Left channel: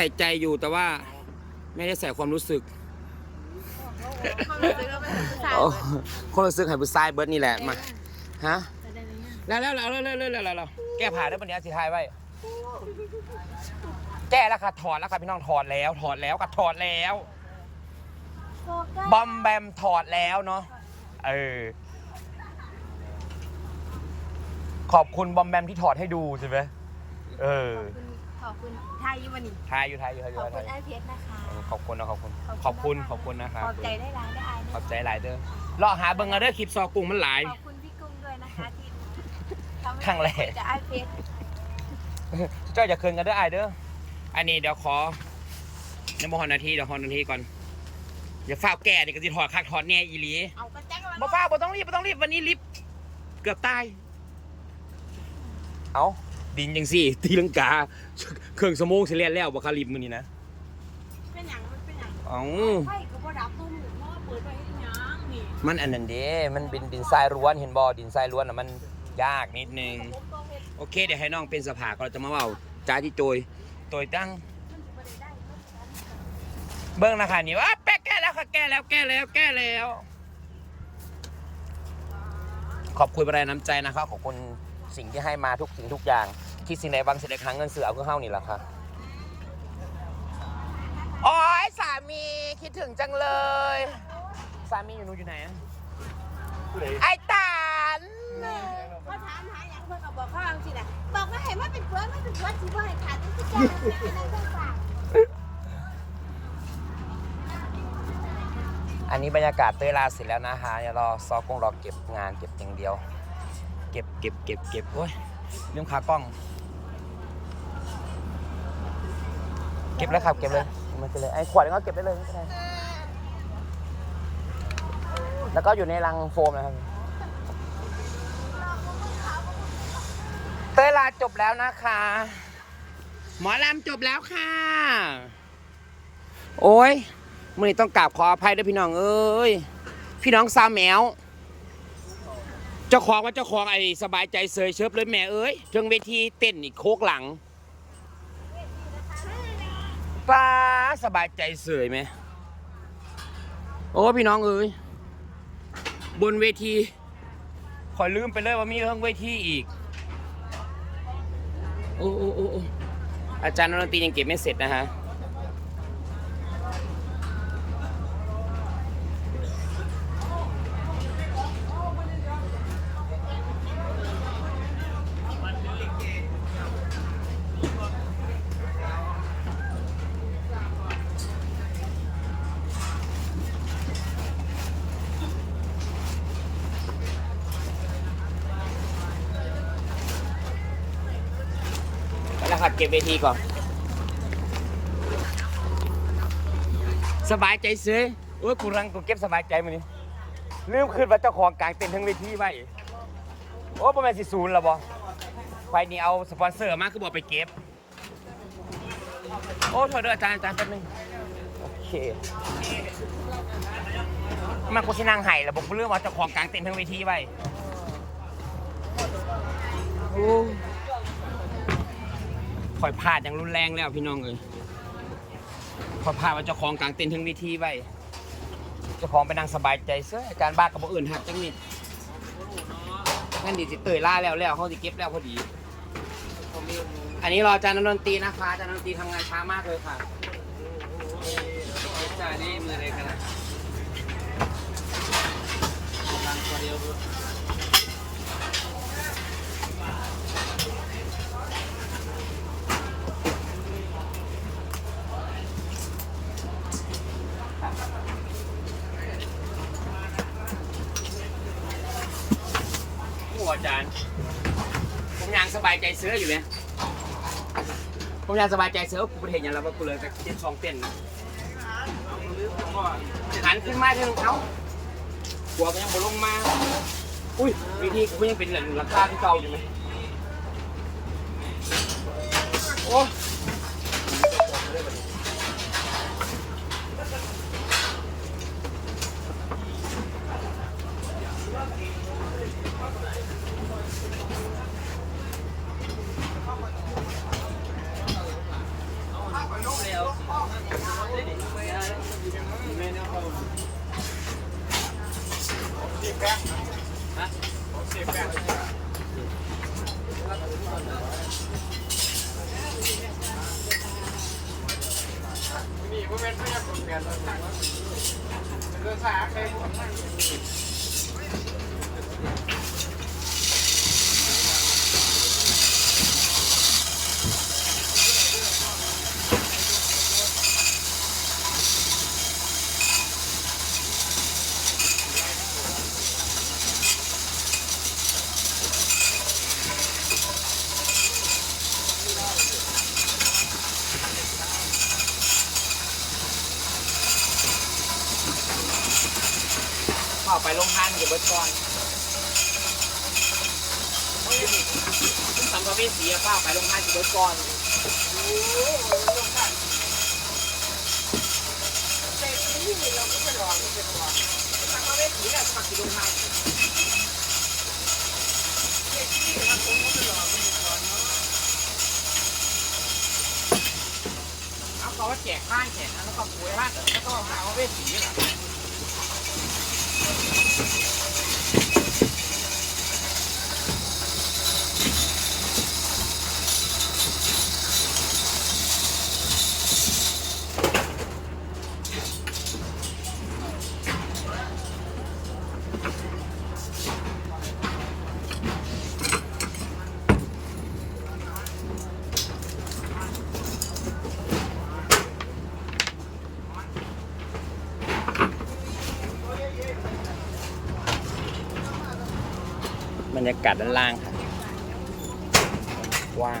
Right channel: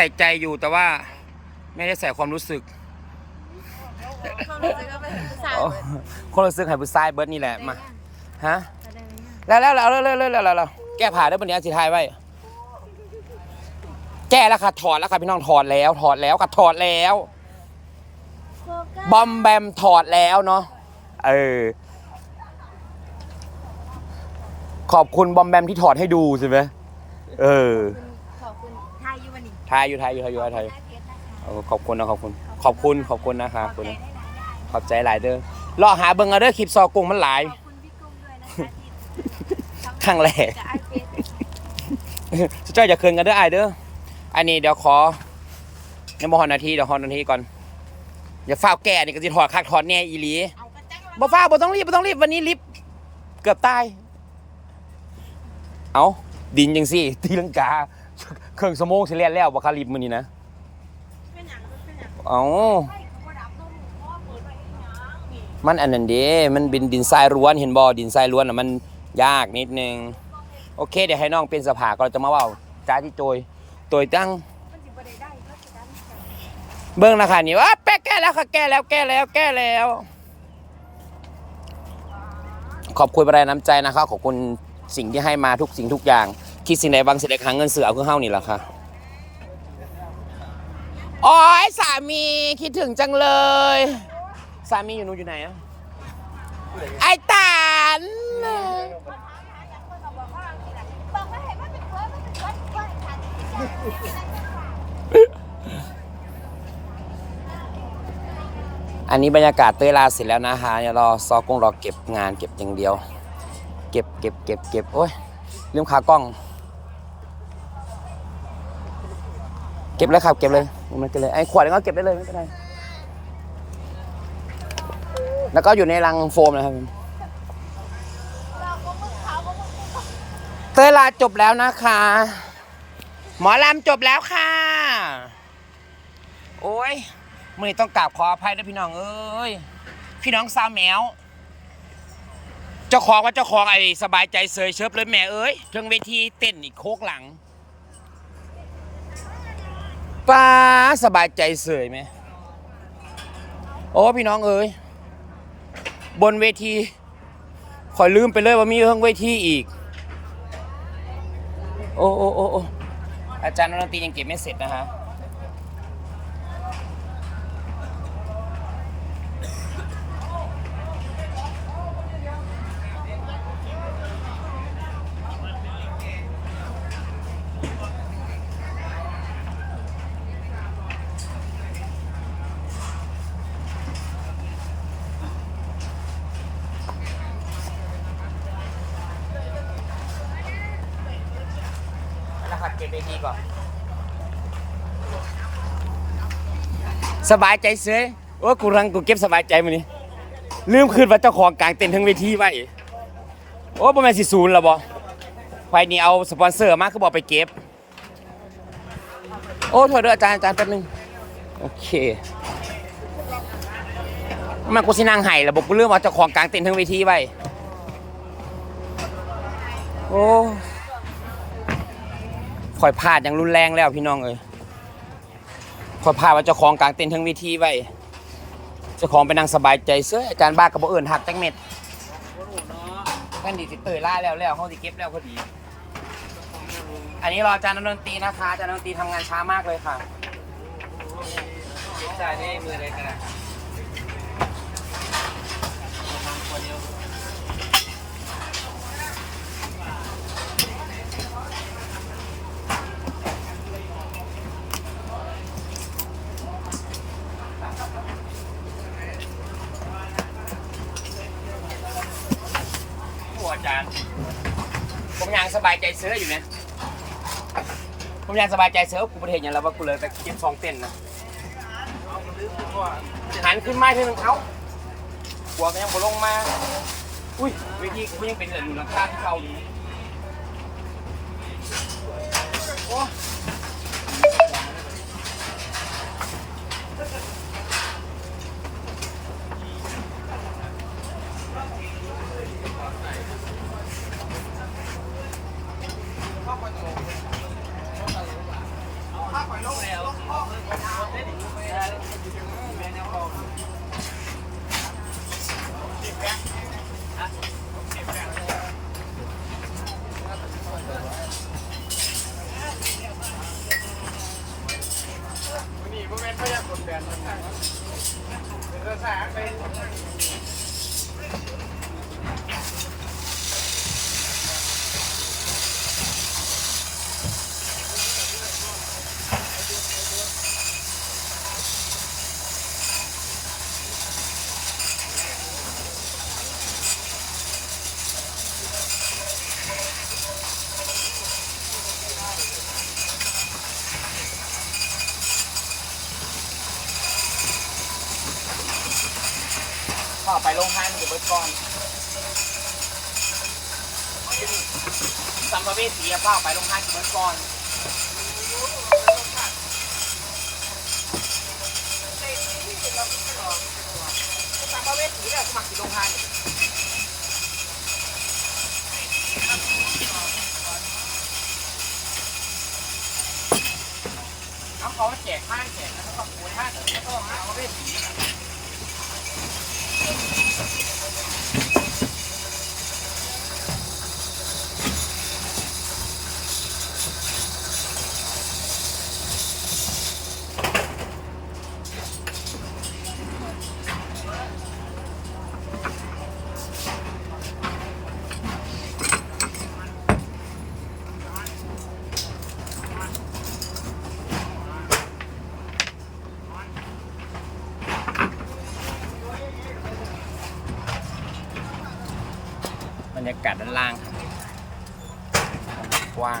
ใส่ใจอยู่แต่ว่าไม่ได้ใส่ความรู้สึกคนรู้สึกหายผู้ชายเบิร์ดนี่แหละมาฮะแล้วแล้วแล้วแล้วแล้วแล้วแก้ผ่าได้ปะเลยสิทายไว้แก้แล้วค่ะถอดแล้วค่ะพี่น้องถอดแล้ว ถอดแล้วค่ะถอดแล้ว บอมแบมถอดแล้วเนาะเออขอบคุณบอมแบมที่ถอดให้ดูใช่ไหมเออ ไทยวันนี้ทายอยู่ทายอยู่ทายอยู่ทายได้เพชรนะคะเออขอบคุณนะขอบคุณ ขอบคุณขอบคุณนะคะขอบคุณใจได้ร้านได้ขอบใจหลายเด้อรอหาเบิ่งเอาเด้อคลิปซอกุ้งมันหลาย ขอบคุณพี่กุ้งด้วยนะคะที่ครั้งแรก จะไอเพชรสุดท้ายอย่าเคินกันเด้อไอายเด้อ อันนี้เดี๋ยวขอยังบ่ฮอนนาทีเดี๋ยวฮอนนาทีก่อน อย่าฟ้าวแก่นี่ก็สิถอดคักถอดแน่อีหลีเอากระจังบ่ฟ้าวบ่ต้องรีบบ่ต้องรีบวันนี้รีบเกือบตาย เอาดินจังซี่ตีลังกา เครื่องสมองสิเลียนแล้วบ่คารีบมื้อนี้นะเป็นหยังมันเป็นหยังเอาไฟก็บ่ดับตุ้มหมูพ่อเปิดไปอีหยังนี่มันอันนั้นเด้มันเป็นดินทรายล้วนเห็นบ่ดินทรายล้วนน่ะมันยากนิดนึง โอเค เดี๋ยวให้น้องเป็นสภาก็จะมาเว้าจ้าที่โจยโตยตั้ง เบื้องนะคะนี่ว่าแป๊ะแก้แล้วค่ะแก้แล้วแก้แล้วแก้แล้ว ขอบคุณประดาน้ำใจนะครับขอบคุณสิ่งที่ให้มาทุกสิ่งทุกอย่าง คิดสิ่งใดบางสิ่งใดครั้งเงินเสือเอาเครื่องเฮ้านี่แหละค่ะโอ้ยสามีคิดถึงจังเลย สามีอยู่นู้นอยู่ไหนอะไอ้ตานมาถามหาอย่างเพื่อนเขาบอกว่าสิล่ะบอกว่าเห็นว่าเป็นเพื่อนไม่เป็นเพื่อนที่ว่าให้ขาดที่แก่อันนี้บรรยากาศเตยลาเสร็จแล้วนะคะเดี๋ยวรอซอกงรอเก็บงานเก็บอย่างเดียว เก็บเก็บเก็บเก็บโอ้ยลืมขากล้อง เก็บเลยครับ เก็บเลยมันเก็บเลยไอ้ขวดก็เก็บได้เลยไม่เป็นไรแล้วก็อยู่ในรังโฟมนะครับเตยลาจบแล้วนะคะ หมอลำจบแล้วค่ะ โอ้ยมื่อนี้ต้องกราบขออภัยด้วยพี่น้องเอ้ยพี่น้องสาแมวเจ้าของว่าเจ้าของไอ้สบายใจเสยเชิบเลยแม่เอ้ยเทิงเวทีเต้นอีกโคกหลังป้า สบายใจเสยไหม โอ้พี่น้องเอ้ย บนเวทีคอยลืมไปเลยว่ามีเรื่องเวทีอีก โอ้โอ้โอ้อาจารย์นนตียังเก็บไม่เสร็จนะฮะ เก็บเวทีก่อน สบายใจเสยโอ้ยกูรังกูเก็บสบายใจมานี่ลืมคืนว่าเจ้าของกลางเต็นท์ทั้งเวทีไว้โอ้ประมาณสิศูนย์ล้วบอไฟนี่เอาสปอนเซอร์มาคือบอกไปเก็บ โอ้โทษด้วยอาจารย์อาจารย์แป๊บนึง โอเคมันกูสินางไห้ระบบกูเรื่องว่าเจ้าของกลางเต็นท์ทั้งเวทีไว้ โอ้ ข่อยพลาดอย่างรุนแรงแล้วพี่น้องเอ้ยข่อยพลาดว่าเจ้าของกลางเต็นท์ทั้งวิธีไว้เจ้าของไปนั่งสบายใจเสื้ออาจารย์บ้ากับบ่เอิญหักจังเม็ดแค่นดีสิเตยล่าแล้วแล้วเขาสิเก็บแล้วพอดี อันนี้รออาจารย์ดนตรีนะคะอาจารย์ดนตรีทำงานช้ามากเลยค่ะจ่ายนี่มืออะไรกันนะนั่งคนเดียว ผู้ อาจารย์ ผมยังสบายใจเสื้ออยู่ไหมผมยังสบายใจเสื้อกูประเทศอย่างเราว่ากูเลยไปกินซองเต้นนะหันขึ้นไม้เท่านึงเขาหัวก็ยังบ่ลงมา อุ้ยวิธีกูยังเป็นเหลืองหลังคาที่เก่าอยู่ไหมโอ้ แป้งฮะของเสียแป้ง นี่ พวกแม่นพยายามกดแบนเลยเรือสาไป ข้าไปโรงทานจะเบิดก่อนสัมภเวสีอะเฝ้าไปโรงทานจะเบิดก่อนสัมภเวสีอะสมัครที่โรงทานเอาเขาว่าแจกข้างแจกนะแล้วก็ป่วยห้าแต่แล้วก็ลองสัมภเวสีอะ บรรยากาศด้านล่างค่ะกว้าง